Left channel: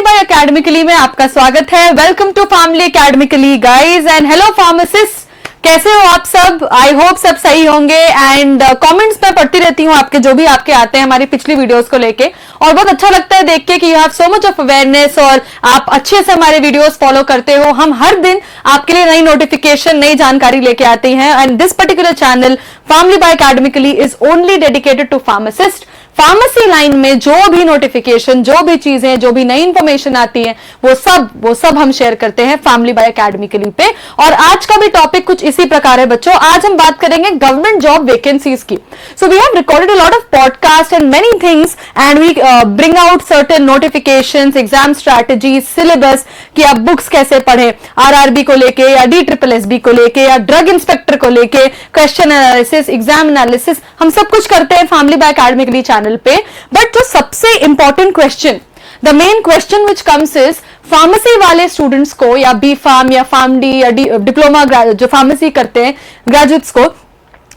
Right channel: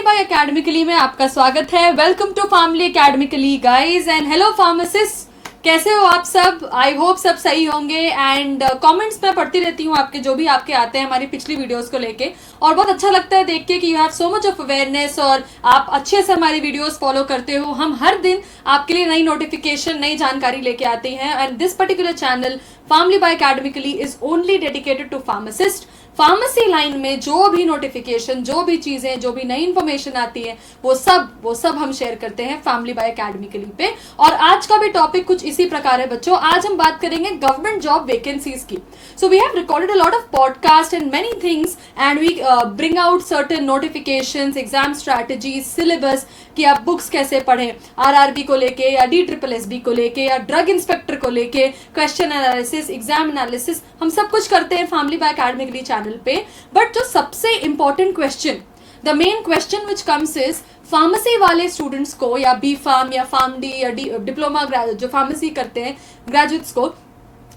Family by academically में आपका स्वागत है। Welcome to family academically guys and hello pharmacist, कैसे हो आप सब? आई होप सब सही होंगे। एंड कमेंट्स में पढ़ती रहती हूँ आपके, जो भी आपके आते हैं हमारी पिछली वीडियोस को लेके, और बहुत अच्छा लगता है देख के कि you have so much of awareness और आप अच्छे से हमारे वीडियोस फॉलो करते हो। हम हर दिन आपके लिए नई नोटिफिकेशन, नई जानकारी लेके आते हैं। And this particular channel family by academically is only dedicated to pharmacist. Pharmacy line में जो भी नोटिफिकेशन, जो भी चीजें, जो भी नई इंफॉर्मेशन आती है, वो सब हम शेयर करते हैं फैमिली बाय एकेडमिकली पे। और आज का भी टॉपिक कुछ इसी प्रकार है बच्चों। आज हम बात करेंगे गवर्नमेंट जॉब वैकेंसीज की। So we have recorded a lot of podcast and many things and we bring out certain notifications, exam strategy, syllabus कि आप बुक्स कैसे पढ़े, आरआरबी को लेके या DSSB को लेके या ड्रग इंस्पेक्टर को लेके, क्वेश्चन एनालिसिस, एग्जाम एनालिसिस, हम सब कुछ करते हैं फैमिली बाय एकेडमिकली चैनल पे। बट जो सबसे important question, the main question which comes is, pharmacy वाले स्टूडेंट्स को या बी फार्म या फार्म डी या डिप्लोमा जो फार्मेसी करते हैं ग्रेजुएट्स को,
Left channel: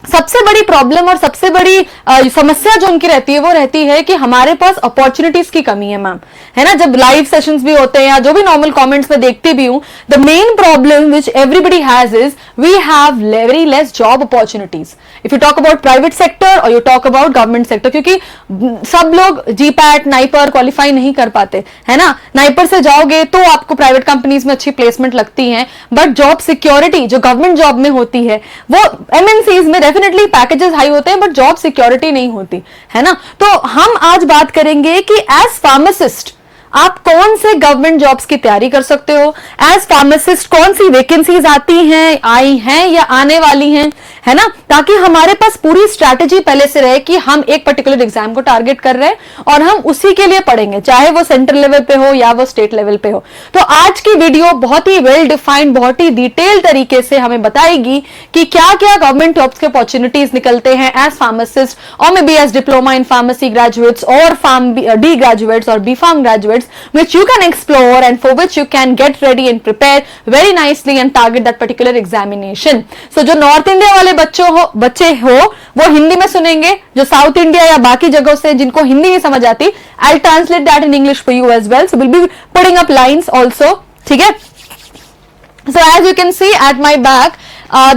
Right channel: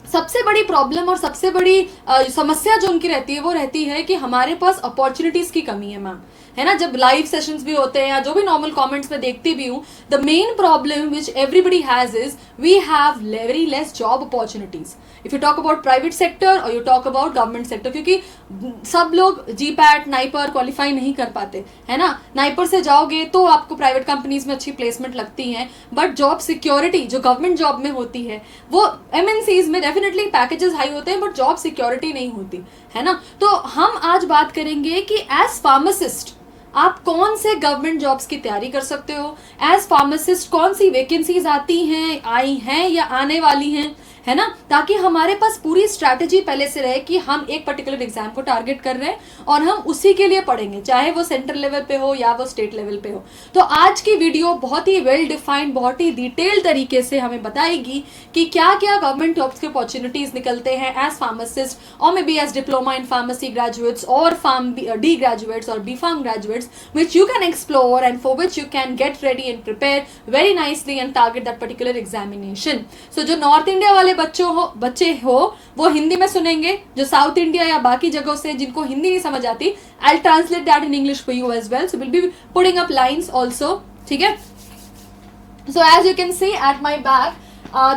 सबसे बड़ी प्रॉब्लम और सबसे बड़ी समस्या जो उनकी रहती है वो रहती है कि हमारे पास अपॉर्चुनिटीज की कमी है मैम, है ना। जब लाइव सेशंस भी होते हैं या जो भी नॉर्मल कमेंट्स में देखती भी हूं, the main problem which everybody has is we have very less job opportunities if you talk about private sector और you talk about government sector, क्योंकि सब लोग जीपैट नाइपर क्वालिफाई नहीं कर पाते, है ना। नाइपर से जाओगे तो आपको प्राइवेट कंपनीज में अच्छी प्लेसमेंट लगती है, बट जॉब सिक्योरिटी जो गवर्नमेंट जॉब में होती है वो एमएनसीज में डेफिनेटली पैकेजेस हाई होते हैं बट जॉब सिक्योरिटी नहीं होती, है ना। तो हम आज बात करेंगे कि एज फार्मासिस्ट आप कौन से गवर्नमेंट जॉब्स की तैयारी कर सकते हो, एज फार्मासिस्ट कौन सी वैकेंसीज आती हैं, आई हैं या आने वाली हैं, है ना, ताकि हमारे पास पूरी स्ट्रैटेजी पहले से रहे कि हम एक पर्टिकुलर एग्जाम को टारगेट कर रहे हैं और हम उसी के लिए पढ़ेंगे, चाहे वो सेंट्रल लेवल पे हो या वो स्टेट लेवल पे हो। तो आज की वीडियो बहुत ही वेल डिफाइंड, बहुत ही डिटेल तरीके से हमें बताएगी कि क्या क्या गवर्नमेंट जॉब्स के अपॉर्चुनिटीज निकलते हैं एज फार्मासिस्ट और may be as diploma in pharmacy graduates और फार्म डी ग्रेजुएट्स और B pharm graduates, which you can explore and for which you can get ready and prepare very nicely and target that particular examination. So जो north India वाले बच्चे हो वो हिंदी में सुनेंगे, जो साउथ इंडिया या बाकी जगहों से जिनको हिंदी नहीं समझ आती, I'll translate that in English for you as well. So we'll be putting up lines also, ठीक है। So as you can see at my back,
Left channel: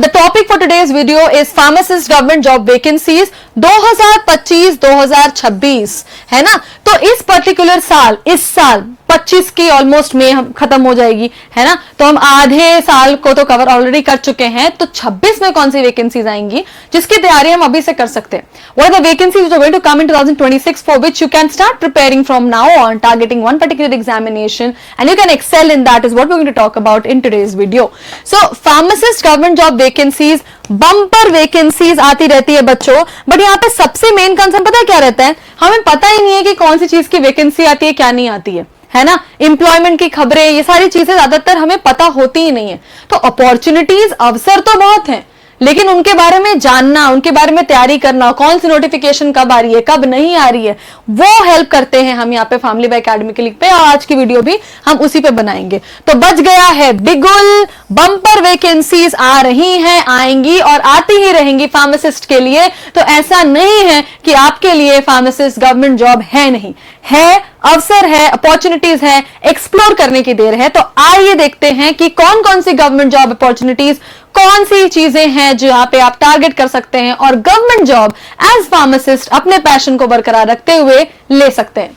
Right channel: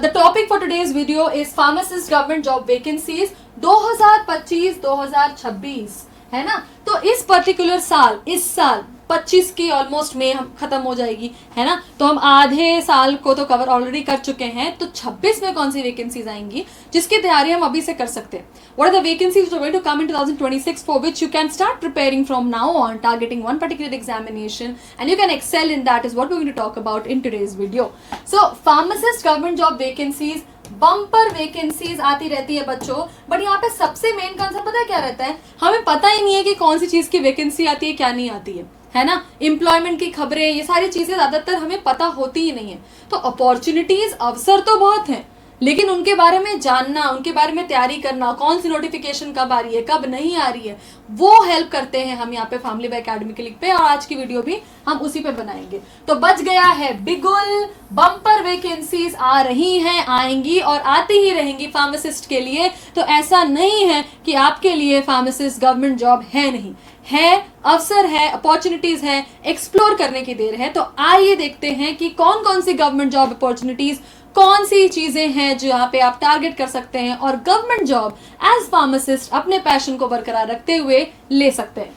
the topic for today's video is pharmacist government job vacancies 2025-2026, है ना। तो इस particular साल, इस साल 25 की ऑलमोस्ट में हम खत्म हो जाएगी, है ना। तो हम आधे साल को तो कवर ऑलरेडी कर चुके हैं। तो 26 में कौन सी वैकेंसीज आएंगी जिसकी तैयारी हम अभी से कर सकते हैं। What are the vacancies which are going to come in 2026 for which you can start preparing from now on, targeting one particular examination and you can excel in that is what we are going to talk about in today's video. So pharmacist government job vacancies, bumper vacancies आती रहती है बच्चों, but यहाँ पे सबसे main concern पता है क्या रहता है, हमें पता ही नहीं है कि कौन सी चीज की वैकेंसी आती है, क्या नहीं आती है ना। एम्प्लॉयमेंट की खबरें, ये सारी चीजें ज्यादातर हमें पता होती ही नहीं है। तो अपॉर्चुनिटीज, अवसर तो बहुत हैं, लेकिन उनके बारे में जानना, उनके बारे में तैयारी करना, कौन सी नोटिफिकेशन कब आ रही है, कब नहीं आ रही है, वो हेल्प करते हैं हम यहाँ पे फैमिली बाय एकेडमिकली पे। और आज की वीडियो भी हम उसी पे बनाएंगे। तो बच गया है बिगुल, बम्पर वैकेंसीज आ रही हैं, आएंगी और आती ही रहेंगी फार्मासिस्ट के लिए। तो ऐसा नहीं है कि आपके लिए फार्मासिस्ट गवर्नमेंट जॉब है नहीं, है, अवसर है, अपॉर्चुनिटीज है, एक्सप्लोर करने की देर है। तो आइए देखते हैं कि कौन कौन सी गवर्नमेंट जॉब अपॉर्चुनिटीज, कौन सी चीजें हैं जो यहाँ पे आप टारगेट कर सकते हैं और गवर्नमेंट जॉब एज फार्मासिस्ट अपने पैशन को बरकरार रखते हुए ले सकते हैं।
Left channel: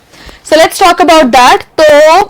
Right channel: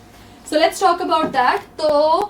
So let's talk about that. तो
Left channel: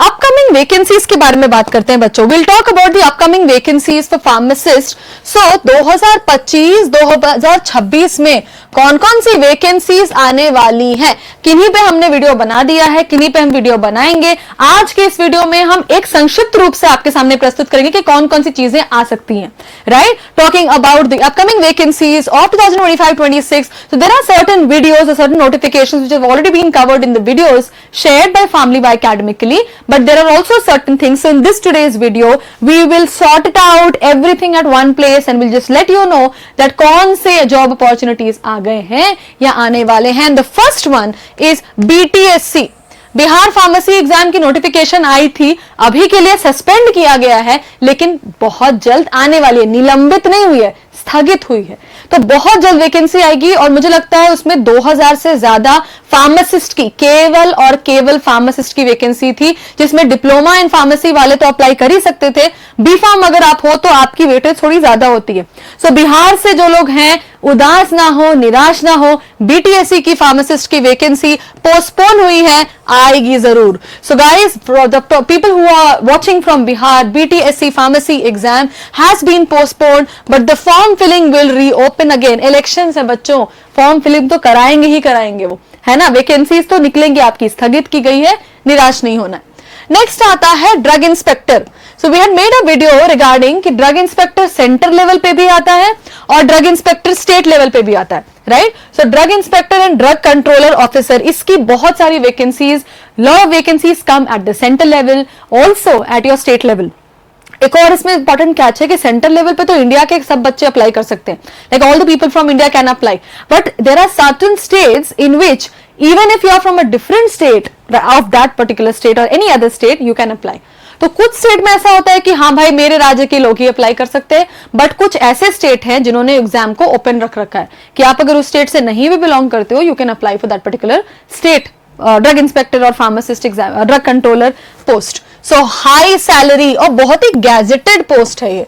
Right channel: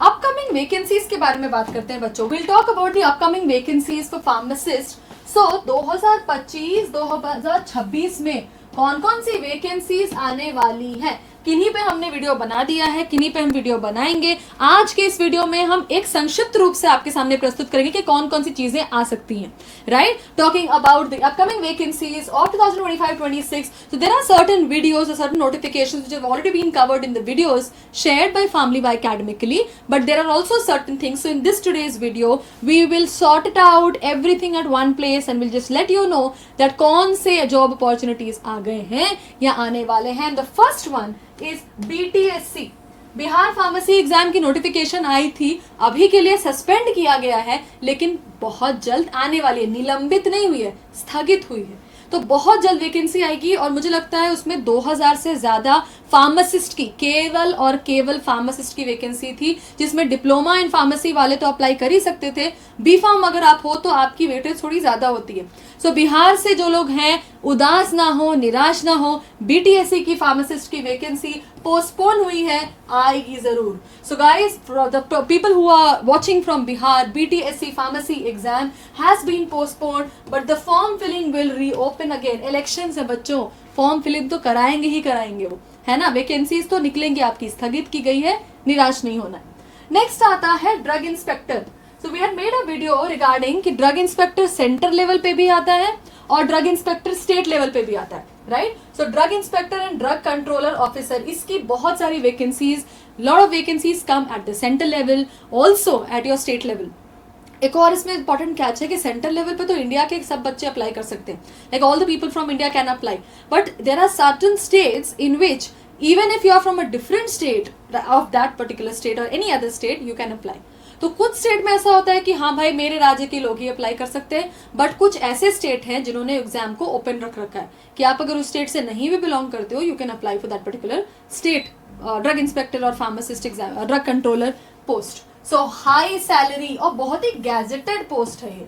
अपकमिंग वैकेंसीज के बारे में बात करते हैं बच्चों। Will talk about the upcoming vacancies for pharmacist. So 2025-2026 में कौन कौन सी वैकेंसीज आने वाली हैं, किन्हीं पे हमने वीडियो बना दिया है, किन्हीं पे हम वीडियो बनाएंगे। आज के इस वीडियो में हम एक संक्षिप्त रूप से आपके सामने प्रस्तुत करेंगे कि कौन कौन सी चीजें आ सकती हैं, right. Talking about the upcoming vacancies of 2025-26, so there are certain videos or certain notifications which have already been covered in the videos shared by Family by Academically, but there are also certain things. So in this today's video we will sort it out everything at one place and we'll just let you know that कौन से job opportunities आ गए हैं या आने वाले हैं। The first one is BTSC, Bihar pharmacy exam की notification आई थी, अभी के लिए सस्पेंड किया गया है, लेकिन बहुत जल्द आने वाली है, निलंबित नहीं हुई है, स्थगित हुई है। तो बहुत जल्द वैकेंसी आएगी और मुझे लगता है उसमें 2000 से ज्यादा फार्मासिस्ट की, केवल और केवल फार्मासिस्ट की वैकेंसी थी, जिसमें डिप्लोमा इन फार्मेसी वाले तो अप्लाई कर ही सकते थे, बी फार्म अगर आप हो तो आपकी वेटेज थोड़ी ज्यादा होती है। सो बिहार से जो लोग हैं उदास ना हो, निराश ना हो, बीटीएससी की फार्मासिस्ट की वैकेंसी पोस्टपोन हुई है, आएगी जरूर। So guys, the people who are watching from Bihar, BTSC pharmacy exam has been postponed, but the form filling will reopen again. Elections है बच्चों, फॉर्म फिलिंग तो कराएंगे ही कराएंगे वो, है ना। वैकेंसीज तो निकलेंगी आपकी, स्थगित की गई है, निराश नहीं होना। नेक्स्ट आता है drug inspector. So we had made a video regarding कि ड्रग इंस्पेक्टर सेंटर लेवल पे भी आता है और ड्रग इंस्पेक्टर स्टेट लेवल पे भी आता है, right. So drug inspector and drug controller officer, इसकी बहुत सारी vacancies, lot of vacancies come at the centre level, also at your state level. एक और इसमें इंपॉर्टेंट कैच है कि सेंटर लेवल पे तो इंडिया के सब बच्चे अप्लाई कर सकते हैं, like all the people from India can apply, but there are certain states in which even if you are from a different state of that particular state or any other state, you can apply. तो कुछ state में ऐसा होता है कि हाँ भाई मेरे राज्य के लोग ही अप्लाई कर सकते हैं, बट कुछ ऐसे स्टेट हैं जिन्होंने एग्जाम को ओपन रख रखा है कि आप अगर उस स्टेट से नहीं भी बिलोंग करते हो, you can apply for that particular state drug inspector और pharmacist exam, drug controller post. So high salary और बहुत ही गैजेटेड पोस्ट है, ये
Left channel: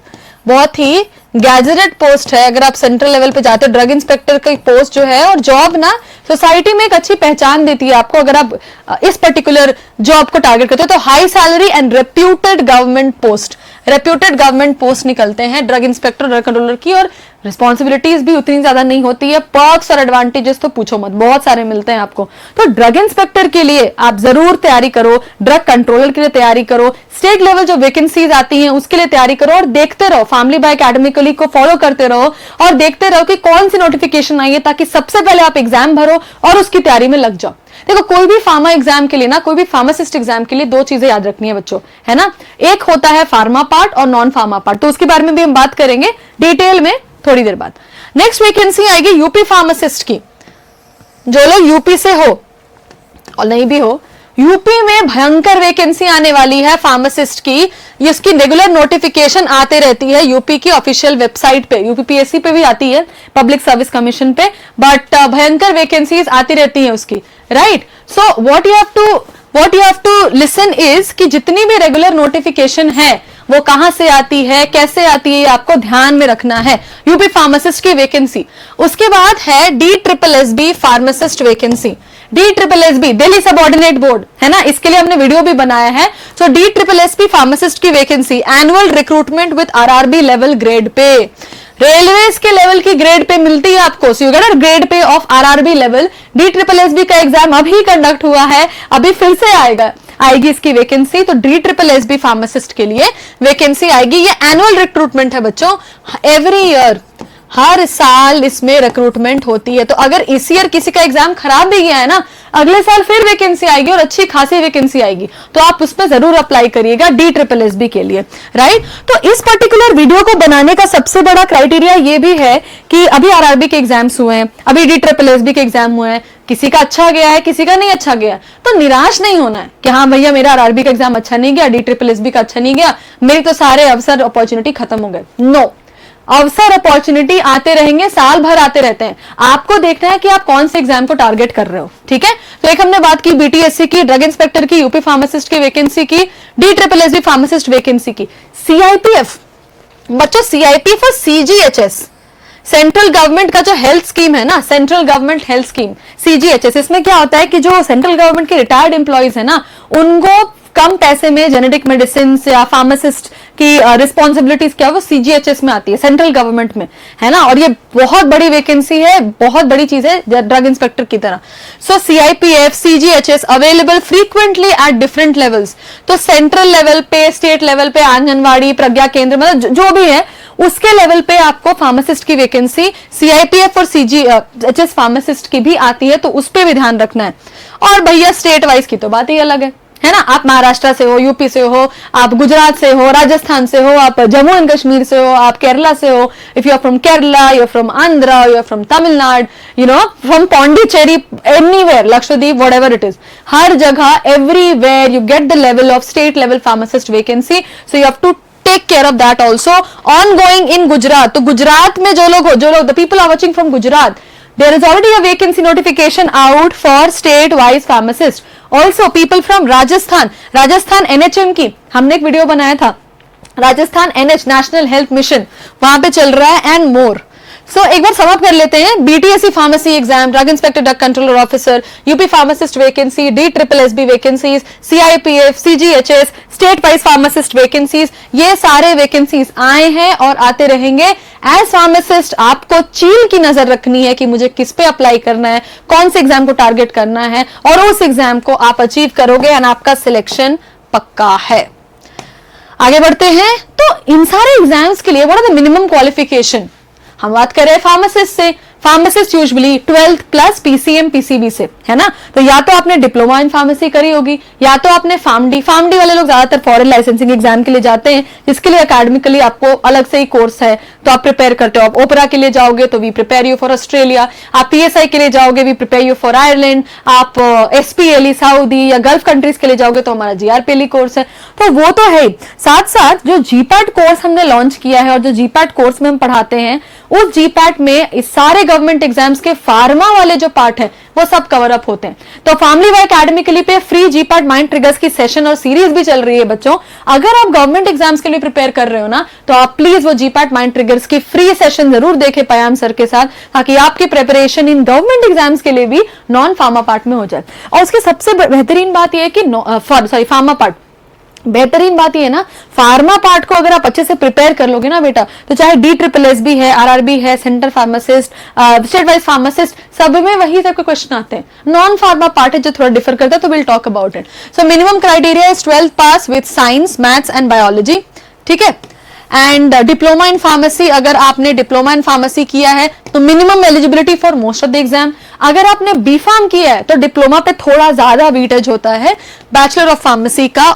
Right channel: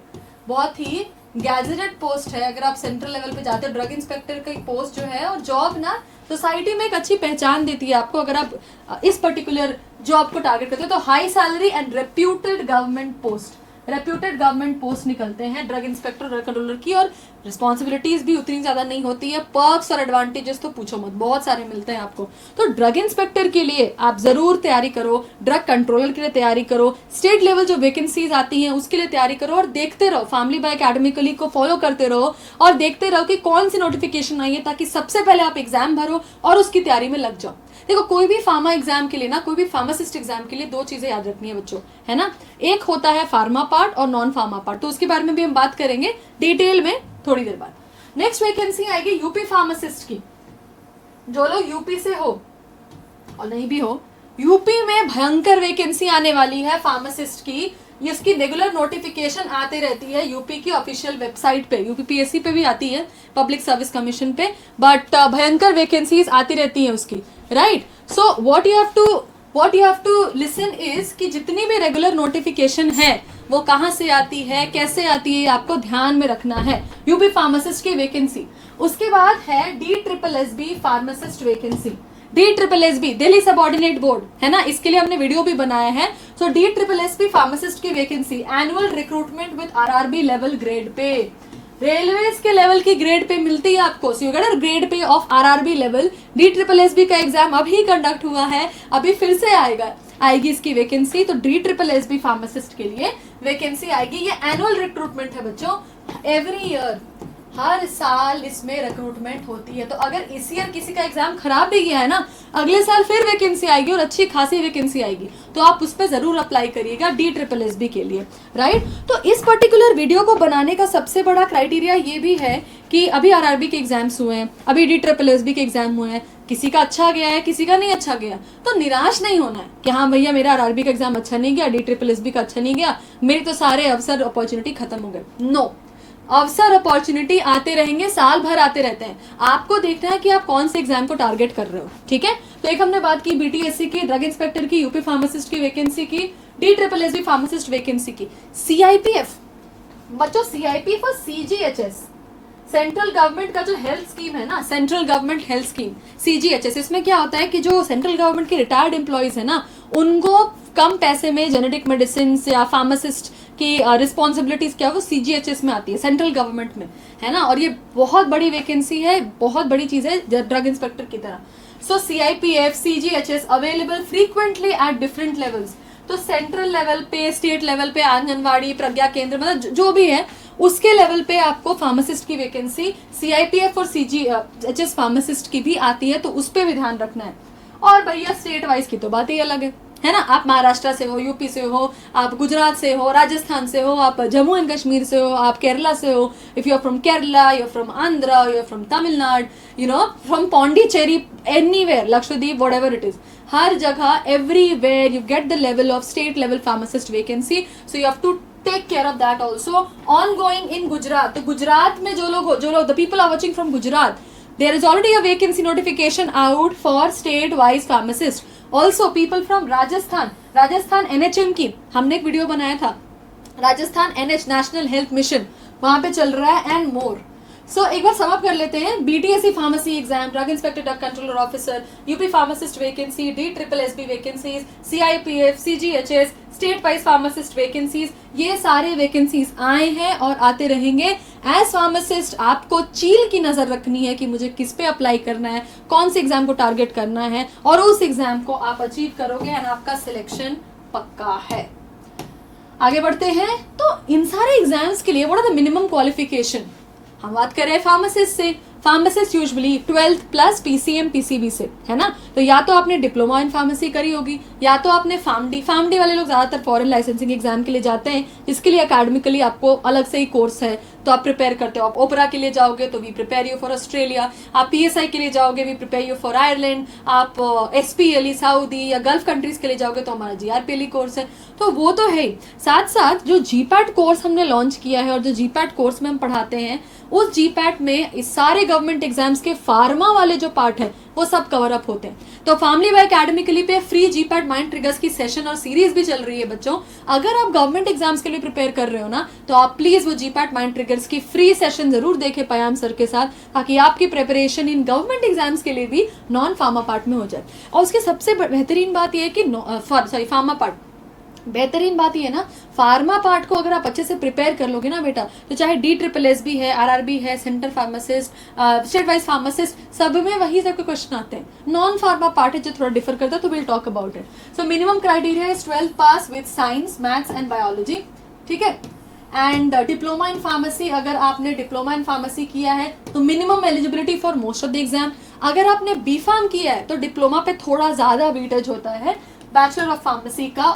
बहुत ही गैजेटेड पोस्ट है। अगर आप सेंट्रल लेवल पे जाते हो, ड्रग इंस्पेक्टर की पोस्ट जो है और जॉब ना सोसाइटी में एक अच्छी पहचान देती है आपको, अगर आप इस पर्टिकुलर जॉब को टारगेट करते हो तो high salary and reputed government post, reputed government post निकलते हैं ड्रग इंस्पेक्टर, ड्रग कंट्रोलर की, और रिस्पॉन्सिबिलिटीज भी उतनी ज्यादा नहीं होती है। पर्क्स और एडवांटेजेस तो पूछो मत, बहुत सारे मिलते हैं आपको। तो ड्रग इंस्पेक्टर के लिए आप जरूर तैयारी करो, ड्रग कंट्रोलर के लिए तैयारी करो, स्टेट लेवल जो वैकेंसीज आती हैं उसके लिए तैयारी करो, और देखते रहो, फैमिली बाय एकेडमिकली को फॉलो करते रहो और देखते रहो कि कौन सी नोटिफिकेशन आई है, ताकि सबसे पहले आप एग्जाम भरो और उसकी तैयारी में लग जाओ। देखो, कोई भी फार्मा एग्जाम के लिए ना, कोई भी फार्मासिस्ट एग्जाम के लिए दो चीजें याद रखनी है बच्चों, है ना। एक होता है फार्मा पार्ट और नॉन फार्मा पार्ट, तो उसके बारे में भी हम बात करेंगे डिटेल में थोड़ी देर बाद। नेक्स्ट वैकेंसी आएगी यूपी फार्मासिस्ट की। जो लोग यूपी से हो और नहीं भी हो, यूपी में भयंकर वैकेंसी आने वाली है फार्मासिस्ट की। इसकी रेगुलर नोटिफिकेशन आते रहती है यूपी की ऑफिशियल वेबसाइट पे, यूपीपीएससी पे भी आती है, पब्लिक सर्विस कमीशन पे, बट भयंकर वैकेंसीज आती रहती है उसकी, right. So what you have to listen is कि जितनी भी रेगुलर नोटिफिकेशन है वो कहां से आती है, कैसे आती है, आपको ध्यान में रखना है। यूपी फार्मासिस्ट की वैकेंसी, उसके बाद है DSSB pharmacist vacancy. DSSB Delhi subordinate board, है ना, इसके लिए हमने वीडियो भी बनाया है। सो DSSB फार्मासिस्ट की vacancy, annual recruitment with RRB level grade pay, railways के लेवल की ग्रेड पे मिलती है आपको। So you get a grade pay of RRB level. DSSB का एग्जाम अभी कंडक्ट हुआ है, अभी फिर से आएगी इसकी वैकेंसी। तो DSSB फार्मासिस्ट के लिए वैकेंसी आएगी। ये एनुअल रिक्रूटमेंट है बच्चों, एवरी ईयर, हर साल इसमें रिक्रूटमेंट होती है। तो अगर इस ईयर किसी का एग्जाम खराब भी गया है ना, अगले साल फिर वैकेंसी आएगी और अच्छी खासी वैकेंसी आएगी, तो आप उस पर जरूर अप्लाई करिएगा DSSB के लिए, राइट। तो इस पर्टिकुलर वीडियो को बनाने का सबसे बड़ा क्राइटेरिया ये भी है कि अभी RRB के एग्जाम्स हुए हैं, अभी DSSB के एग्जाम हुए हैं, किसी का अच्छा गया है, किसी का नहीं अच्छा गया, तो निराश नहीं होना है कि हाँ भैया मेरा RRB का एग्जाम अच्छा नहीं गया, DSSB का अच्छा नहीं गया, मेरी तो सारे अवसर अपॉर्चुनिटी खत्म हो गए। नो, अवसर अपॉर्चुनिटी आते रहेंगे, साल भर आते रहते हैं। आपको देखना है कि आप कौन से एग्जाम को टारगेट कर रहे हो, ठीक है। तो एक हमने बात की BTSC की, ड्रग इंस्पेक्टर की, यूपी फार्मासिस्ट की वैकेंसी की, DSSB फार्मासिस्ट वैकेंसी की। CIPF बच्चों, CIP for CGHS, central government का जो हेल्थ स्कीम है ना, central government health scheme CGHS। इसमें क्या होता है कि जो सेंट्रल गवर्नमेंट के रिटायर्ड एम्प्लॉइज है ना, उनको कम पैसे में जेनेटिक मेडिसिन या फार्मासिस्ट की रिस्पॉन्सिबिलिटीज क्या है वो CGHS में आती है, सेंट्रल गवर्नमेंट में, है ना। और ये बहुत बड़ी वैकेंसी है, बहुत बड़ी चीज है ड्रग इंस्पेक्टर की तरह। सो CIPF CGHS available frequently at different levels. तो सेंट्रल लेवल पे, स्टेट लेवल पे, आंगनवाड़ी, प्रज्ञा केंद्र, मतलब जो भी है उसके लेवल पे आपको फार्मासिस्ट की वैकेंसी CIPF और CGHS फार्मासिस्ट की भी आती है, तो उस पर भी ध्यान रखना है। और भैया स्टेट वाइज की तो बात ही अलग है है ना। आप महाराष्ट्र से हो, यूपी से हो, आप गुजरात से हो, राजस्थान से हो, आप जम्मू एंड कश्मीर से हो, आप केरला से हो, if you are from Kerala, you are from Andhra, you are from Tamil Nadu, you know, from Pondicherry, anywhere, Lakshadweep, whatever it is, हर जगह, everywhere you get the level of state level pharmacist vacancy, so you have to take care of that also. On going in Gujarat, तो गुजरात में जो लोग the people are watching from Gujarat, there is already a vacancy notification out for state wise pharmacist. Also people from Rajasthan NHM की हमने एक video बनाया था, Rajasthan NH national health mission वहां पे चल रहा है, एंड मोर। सो एक बार समअप कर लेते हैं। BTSC pharmacy exam, drug inspector, drug controller officer, UP pharmacist vacancy, DSSB vacancies, CIPF, CGHS, state wise pharmacist vacancies, ये सारे वैकेंसीज आए हैं और आते रहेंगे। एज फार्मासिस्ट आपको चील की नजर रखनी है कि मुझे किस पे अप्लाई करना है, कौन से एग्जाम को टारगेट करना है, और उस एग्जाम को आप अचीव करोगे एंड आपका सिलेक्शन पक्का है। आगे बढ़ते हैं। तो इन सारे एग्जाम्स के लिए what are the minimum qualification? हम बात करें फार्मासिस्ट से, pharmacist usually 12th plus PCM PCB से, है ना। तो या तो आपने डिप्लोमा इन फार्मेसी करी होगी, या तो आपने फार्मडी वाले लोग ज्यादातर फॉरेन लाइसेंसिंग एग्जाम के लिए जाते हैं, जिसके लिए एकेडमिकली आपको अलग से ही कोर्स है, तो आप प्रिपेयर करते हो। आप ओपेरा के लिए जाओगे तो we prepare you for Australia, आप PSI के लिए जाओगे we prepare you for Ireland, आप SPLE सऊदी या गल्फ कंट्रीज के लिए जाओगे तो हमारा GRPLE कोर्स है। तो वो तो है, साथ साथ जो GPAT कोर्स हमने लॉन्च किया है और जो GPAT कोर्स में हम पढ़ाते हैं, उस GPAT में इस सारे गवर्नमेंट एग्जाम्स के फार्मा वाले जो पार्ट है वो सब कवर अप होते हैं। तो फैमिली वाई एकेडमिकली पे फ्री GPAT माइंड ट्रिगर्स की सेशन और सीरीज भी चल रही है बच्चों। अगर आप गवर्नमेंट एग्जाम्स के लिए प्रिपेयर कर रहे हो ना, तो आप प्लीज वो GPAT माइंड ट्रिगर्स की फ्री सेशन जरूर देखें पयाम सर के साथ, ताकि आपकी प्रिपरेशन इन गवर्नमेंट एग्जाम्स के लिए भी नॉन फार्मा पार्ट में हो जाए। और उसकी सबसे बेहतरीन बात यह है कि फार्मा पार्ट, बेहतरीन बात ये है ना, फार्मा पार्ट को अगर आप अच्छे से प्रिपेयर कर लोगे ना बेटा, तो चाहे DSSB है, RRB है, centre pharmacist, state wise pharmacist, सब में वही टाइप के क्वेश्चन आते हैं। नॉन फार्मा पार्ट है जो थोड़ा डिफर करता है, तो will talk about it. So minimum criteria is 12th pass with science, maths and biology, ठीक है। एंड डिप्लोमा इन फार्मेसी, अगर आपने डिप्लोमा इन फार्मेसी किया है तो minimum eligibility for most of the exam. अगर आपने B.Pharm किया है तो डिप्लोमा पे थोड़ा ज्यादा वेटेज होता है बैचलर ऑफ फार्मेसी का,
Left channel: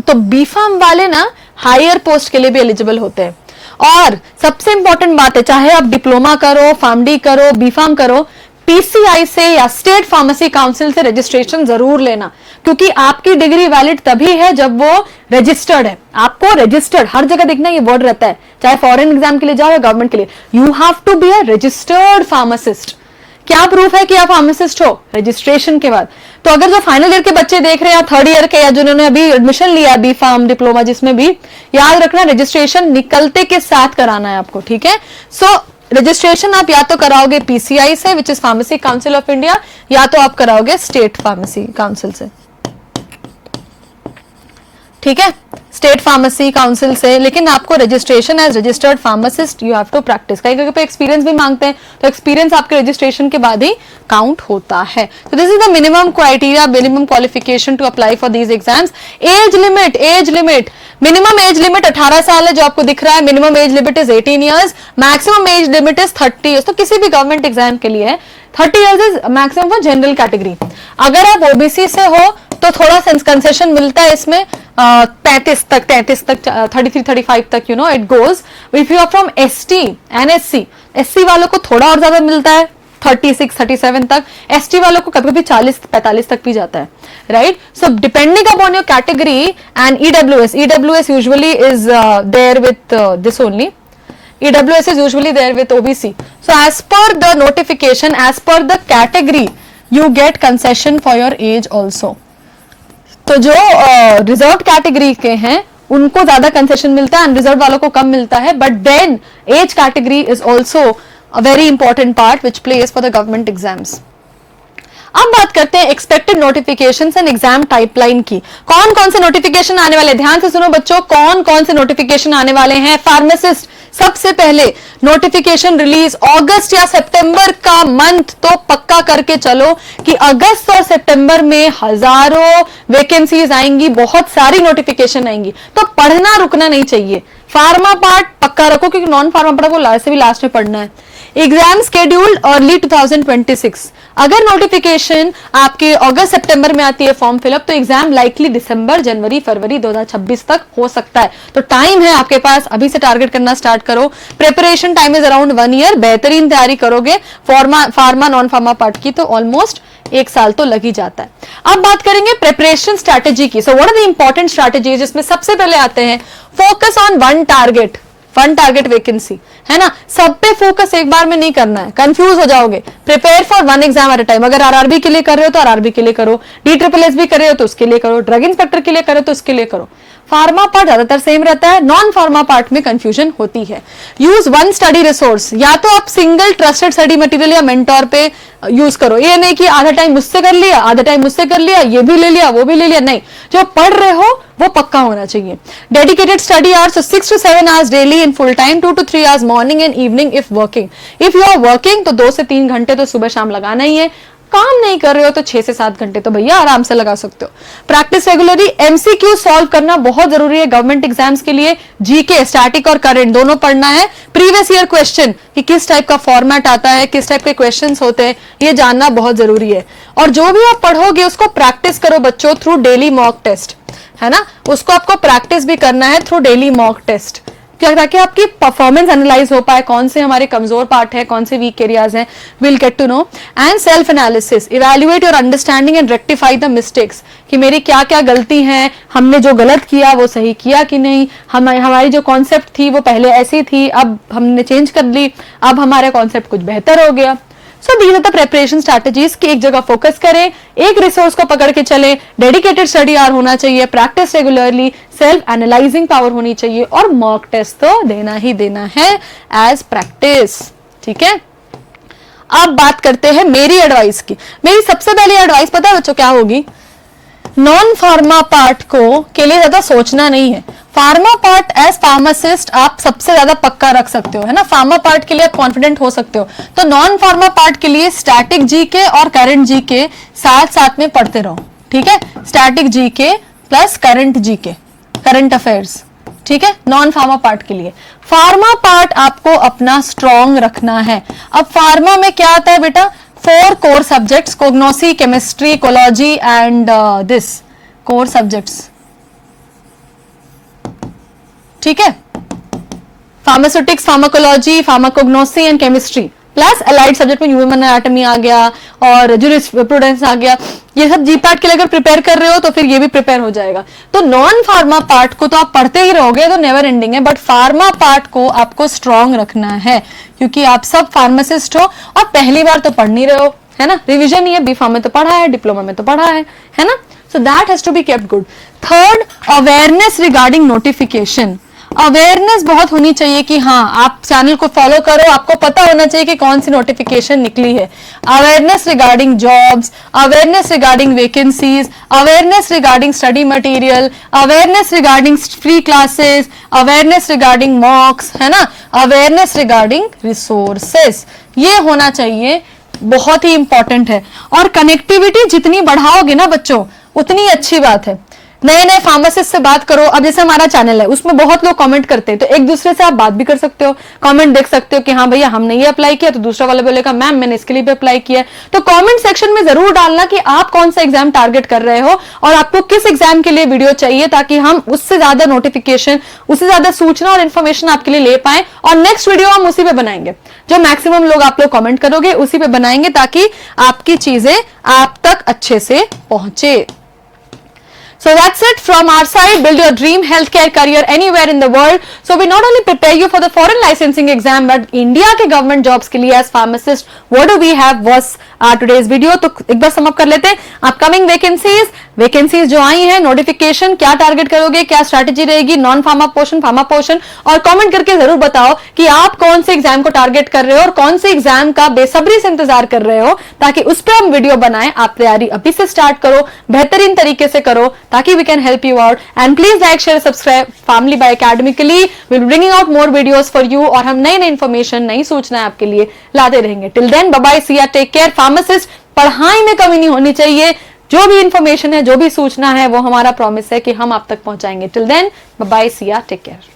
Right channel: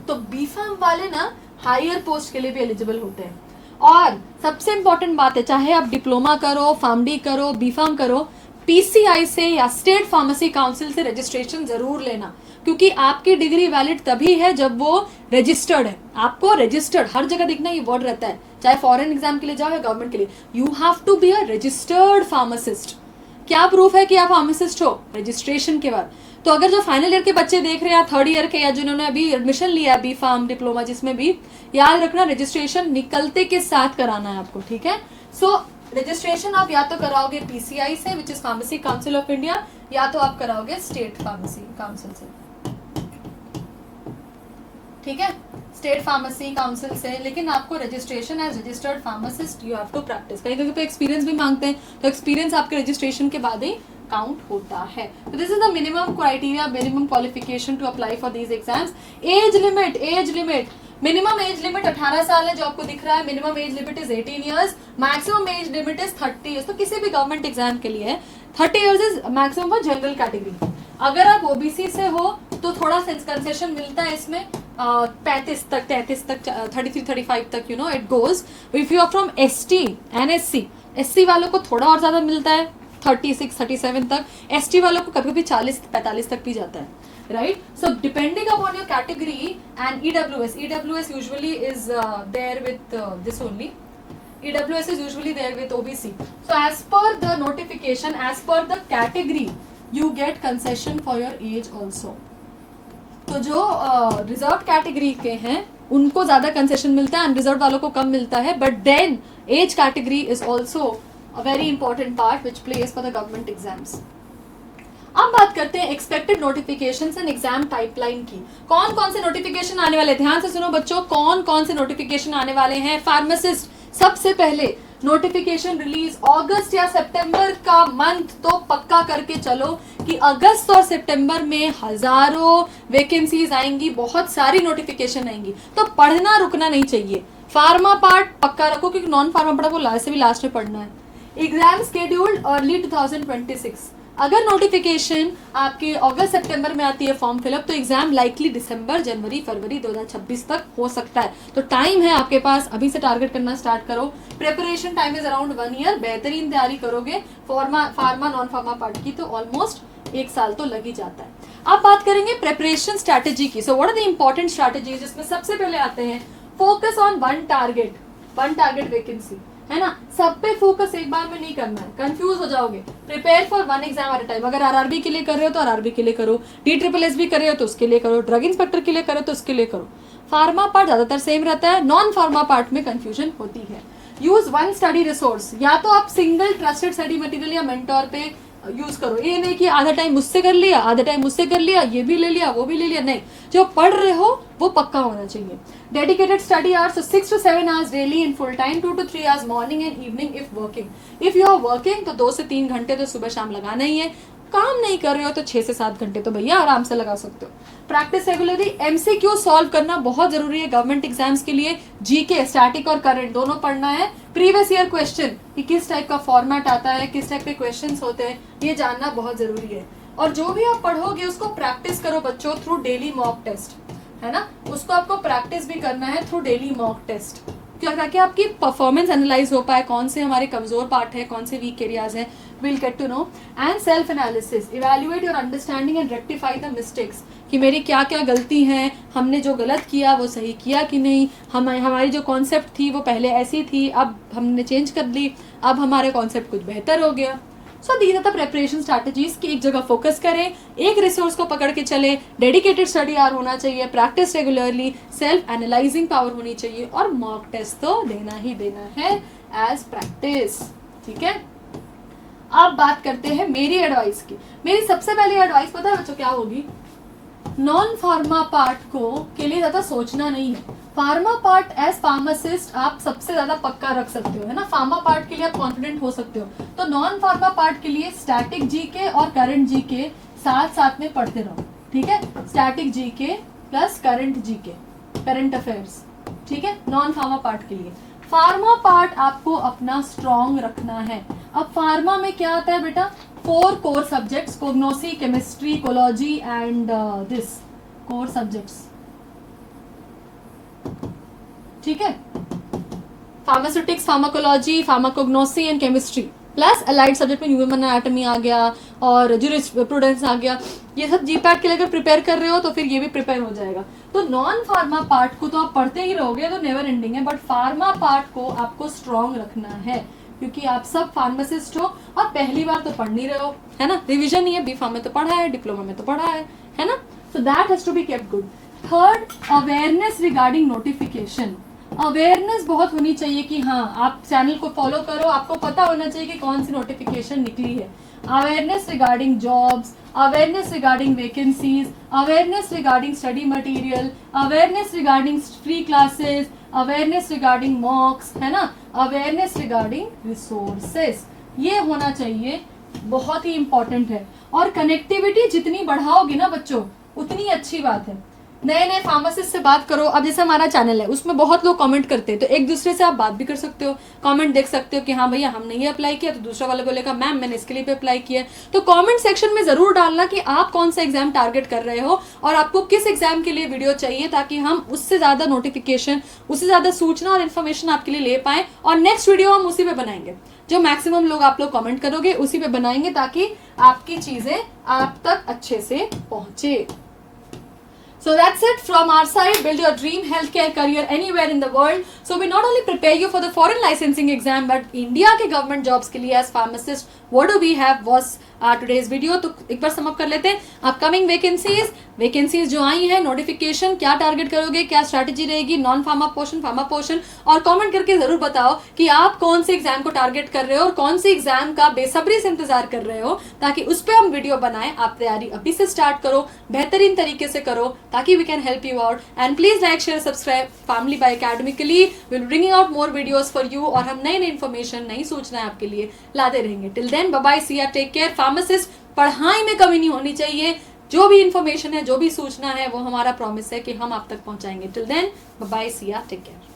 तो B.Pharm वाले ना हायर पोस्ट के लिए भी एलिजिबल होते हैं। और सबसे इंपॉर्टेंट बात है, चाहे आप डिप्लोमा करो, फार्मडी करो, B.Pharm करो, PCI से या स्टेट फार्मेसी काउंसिल से रजिस्ट्रेशन जरूर लेना, क्योंकि आपकी डिग्री वैलिड तभी है जब वो रजिस्टर्ड है। आपको रजिस्टर्ड हर जगह देखना ये वर्ड रहता है, चाहे फॉरेन एग्जाम के लिए जाओ या गवर्नमेंट के लिए, you have to be a registered pharmacist. क्या प्रूफ है कि आप फार्मासिस्ट हो? रजिस्ट्रेशन के बाद। तो अगर जो फाइनल ईयर के बच्चे देख रहे हैं, थर्ड ईयर के, या जिन्होंने अभी एडमिशन लिया B.Pharm डिप्लोमा, जिसमें भी, याद रखना रजिस्ट्रेशन निकलते के साथ कराना है आपको, ठीक है। सो रजिस्ट्रेशन आप या तो कराओगे PCI से, which is pharmacy council of India, या तो आप कराओगे स्टेट फार्मेसी काउंसिल से, ठीक है, स्टेट फार्मेसी काउंसिल से। लेकिन आपको registration as registered pharmacist you have to practice. कहीं कहीं पे एक्सपीरियंस भी मांगते हैं, तो एक्सपीरियंस आपके रजिस्ट्रेशन के बाद ही काउंट होता है। तो this is the minimum criteria, minimum qualification to apply for these exams. Age limit, minimum age limit 18 साल है जो आपको दिख रहा है, minimum age limit is 18 years, maximum age limit is 30 years. तो किसी भी गवर्नमेंट एग्जाम के लिए 30 years is maximum for general category. अगर आप OBC से हो तो थोड़ा कंसेशन मिलता है इसमें, 33 तक 33-35 तक, you know it goes. If you are from ST NSC, SC वालों को थोड़ा और ज्यादा मिलता है, 36-37 तक। ST वालों को कभी कभी 40-45 तक भी जाता है, right. So depending upon your category. And EWS usually is there with this only. EWS is usually there with OBC. So as per the notification, as per the category, you get concession for your age also. तो जो reserve category के हैं उनको ज्यादा concession मिलता है, unreserved वालों को कम मिलता है। But then age category is also a very important part which place for the government exams. अब बात करते हैं expected notifications and exam pipeline की। कौन कौन से नोटिफिकेशन आने वाले, ध्यान से सुनो बच्चों, कौन कौन से नोटिफिकेशन आने वाले हैं। फार्मासिस्ट, सबसे पहले नोटिफिकेशन रिलीज अगस्त या सितंबर का मंथ तो पक्का करके चलो कि अगस्त और सितंबर में हजारों वैकेंसीज आएंगी, बहुत सारी नोटिफिकेशन आएंगी, तो पढ़ना रुकना नहीं चाहिए। फार्मा पार्ट पक्का रखो, क्योंकि नॉन फार्मा पार्ट को लास्ट से भी लास्ट में पढ़ना है। Exam scheduled early 2026। अगर नोटिफिकेशन आपके अगस्त सितंबर में आती है फॉर्म फिलअप, तो एग्जाम लाइकली दिसंबर, जनवरी, फरवरी 2026 तक हो सकता है। तो टाइम है आपके पास, अभी से टारगेट करना स्टार्ट करो। Preparation time is around 1 year. बेहतरीन तैयारी करोगे फार्मा नॉन फार्मा पार्ट की तो ऑलमोस्ट 1 साल तो लग ही जाता है। अब बात करेंगे प्रिपरेशन स्ट्रैटेजी की। So what are the important strategies, जिसमें सबसे पहले आते हैं focus on one target vacancy, है ना। सब पे फोकस एक बार में नहीं करना है, कंफ्यूज हो जाओगे। Prepare for one exam at a time. अगर आरआरबी के लिए कर रहे हो तो आरआरबी के लिए करो, DSSS भी कर रहे हो तो उसके लिए करो, ड्रग इंस्पेक्टर के लिए करो तो उसके लिए करो। फार्मा पार्ट ज्यादातर सेम रहता है, नॉन फार्मा पार्ट में कंफ्यूजन होती है। यूज वन स्टडी रिसोर्स, या तो आप सिंगल ट्रस्टेड स्टडी मटेरियल या मेंटोर पे यूज करो। ये नहीं कि आधा टाइम मुझसे कर लिया, आधा टाइम मुझसे कर लिया, ये भी ले लिया, वो भी ले लिया, नहीं। जो पढ़ रहे हो वो पक्का होना चाहिए। Dedicated study hours 6 to 7 hours daily in full time, 2 to 3 hours morning and evening if working. If you are working तो 2 से 3 घंटे तो सुबह शाम लगाना ही है। काम नहीं कर रहे हो तो 6 से 7 घंटे तो भैया आराम से लगा सकते हो। Practice regularly. MCQ सॉल्व करना बहुत जरूरी है गवर्नमेंट एग्जाम्स के लिए। जीके, स्टैटिक और करंट दोनों पढ़ना है। प्रीवियस ईयर क्वेश्चन कि किस टाइप का फॉर्मेट आता है, किस टाइप के क्वेश्चंस होते हैं, ये जानना बहुत जरूरी है। और जो भी आप पढ़ोगे उसको प्रैक्टिस करो बच्चों थ्रू डेली मॉक टेस्ट, है ना। उसको आपको प्रैक्टिस भी करना है थ्रू डेली मॉक टेस्ट, ताकि आपकी परफॉर्मेंस एनालाइज हो पाए, कौन से हमारे कमजोर पार्ट है, कौन से वीक एरियाज हैं। Will get to know. And self analysis, evaluate your understanding and rectify the mistakes, कि मेरी क्या क्या गलती है, हमने जो गलत किया वो सही किया कि नहीं, हमारी जो कॉन्सेप्ट थी वो पहले ऐसी थी, अब हमने चेंज कर ली, अब हमारा कॉन्सेप्ट कुछ बेहतर हो गया। So these are the preparation strategies कि एक जगह फोकस करें, एक रिसोर्स को पकड़ के चले, डेडिकेटेड स्टडी आवर होना चाहिए, practice regularly, self analysing power होनी चाहिए, और मॉक टेस्ट तो देना ही देना है एज प्रैक्टिस। ठीक है, अब बात करते हैं मेरी एडवाइस की। मेरी सबसे पहली एडवाइस पता है बच्चों क्या होगी? नॉन फार्मा पार्ट को के लिए ज्यादा सोचना नहीं है। फार्मा पार्ट एज फार्मासिस्ट आप सबसे ज्यादा पक्का रख सकते हो, है ना। फार्मा पार्ट के लिए आप कॉन्फिडेंट हो सकते हो। तो नॉन फार्मा पार्ट के लिए स्टैटिक जीके और करंट जीके साथ साथ में पढ़ते रहो। ठीक है, static GK plus current GK, current affairs. ठीक है, नॉन फार्मा पार्ट के लिए। फार्मा पार्ट आपको अपना स्ट्रॉन्ग रखना है। अब फार्मा में क्या आता है बेटा? 4 core subjects, cognosy, chemistry, ecology and this core subjects. ठीक है, pharmaceutics, pharmacology, pharmacognosy and chemistry, plus allied subject में ह्यूमन एनाटॉमी आ गया और जूरिस्प्रूडेंस आ गया। ये सब जी पार्ट के लिए अगर प्रिपेयर कर रहे हो तो फिर ये भी प्रिपेयर हो जाएगा। तो नॉन फार्मा पार्ट को तो आप पढ़ते ही रहोगे तो नेवर एंडिंग है, बट फार्मा पार्ट को आपको स्ट्रॉन्ग रखना है, क्योंकि आप सब फार्मासिस्ट हो और पहली बार तो पढ़ नहीं रहे हो, है ना। रिविजन ही है, B फार्म में तो पढ़ा है, डिप्लोमा में तो पढ़ा है ना। So that has to be kept good. Third, awareness regarding notification. Awareness बहुत होनी चाहिए कि हाँ आप चैनल को फॉलो करो, आपको पता होना चाहिए कि कौन सी नोटिफिकेशन निकली है। Awareness regarding jobs, awareness regarding vacancies, awareness regarding study material, awareness regarding free classes, awareness regarding मॉक्स, है ना, अवेयरनेस रिगार्डिंग रिसोर्सेस, ये होना चाहिए, बहुत ही इंपॉर्टेंट है। और कनेक्टिविटी जितनी बढ़ाओगे ना बच्चों उतनी अच्छी बात है। नए नए फार्मासिस्ट से बात करो। अब जैसे हमारा चैनल है उसमें बहुत लोग कमेंट करते हैं, तो एक दूसरे से आप बात भी कर सकते हो, कमेंट देख सकते हो कि हाँ भैया हमने ये अप्लाई किया, तो दूसरा वाला बोलेगा मैम मैंने इसके लिए भी अप्लाई किया। तो कमेंट सेक्शन में जरूर डालना कि आप कौन सा एग्जाम टारगेट कर रहे हो और आपको किस एग्जाम के लिए वीडियो चाहिए, ताकि हम उससे ज्यादा नोटिफिकेशन, उससे ज्यादा सूचना और इन्फॉर्मेशन आपके लिए ले पाए। और नेक्स्ट वीडियो हम उसी पे बनाएंगे, जो मैक्सिमम लोग आप लोग कमेंट करोगे उसी पे बनाएंगे, ताकि आपकी चीजें आप तक अच्छे से पहुंचे। So that's it from our side. Build your dream healthcare career anywhere in the world. So we not only prepare you for the foreign licensing exam, but India के government jobs के लिए as pharmacist, what do we have was today's video. तो एक बार sum up कर लेते हैं। Upcoming vacancies जो आई हैं, नोटिफिकेशन, क्या टारगेट करोगे, क्या स्ट्रैटेजी रहेगी, non pharma portion, pharma portion, और कमेंट करके जरूर बताओ कि आप कौन से एग्जाम को टारगेट कर रहे हो और कौन से एग्जाम का बेसब्री से इंतजार कर रहे हो, ताकि उस पर हम वीडियो बनाएं। आप तैयारी अभी से स्टार्ट करो, बेहतरीन तरीके से करो, ताकि we can help you out. And please like, share, subscribe Family by Academically. We'll be bringing out more videos for you. और हम नई इन्फॉर्मेशन, नई सूचनाएं आपके लिए लाते रहेंगे। Till then, bye bye, see ya, take care. Pharmacist, पढ़ाई में कमी नहीं होनी चाहिए। जो भी इन्फॉर्मेशन है, जो भी सूचना है, वो हमारा प्रॉमिस है कि हम आप तक पहुंचाएंगे। Till then, bye bye, see ya, take care.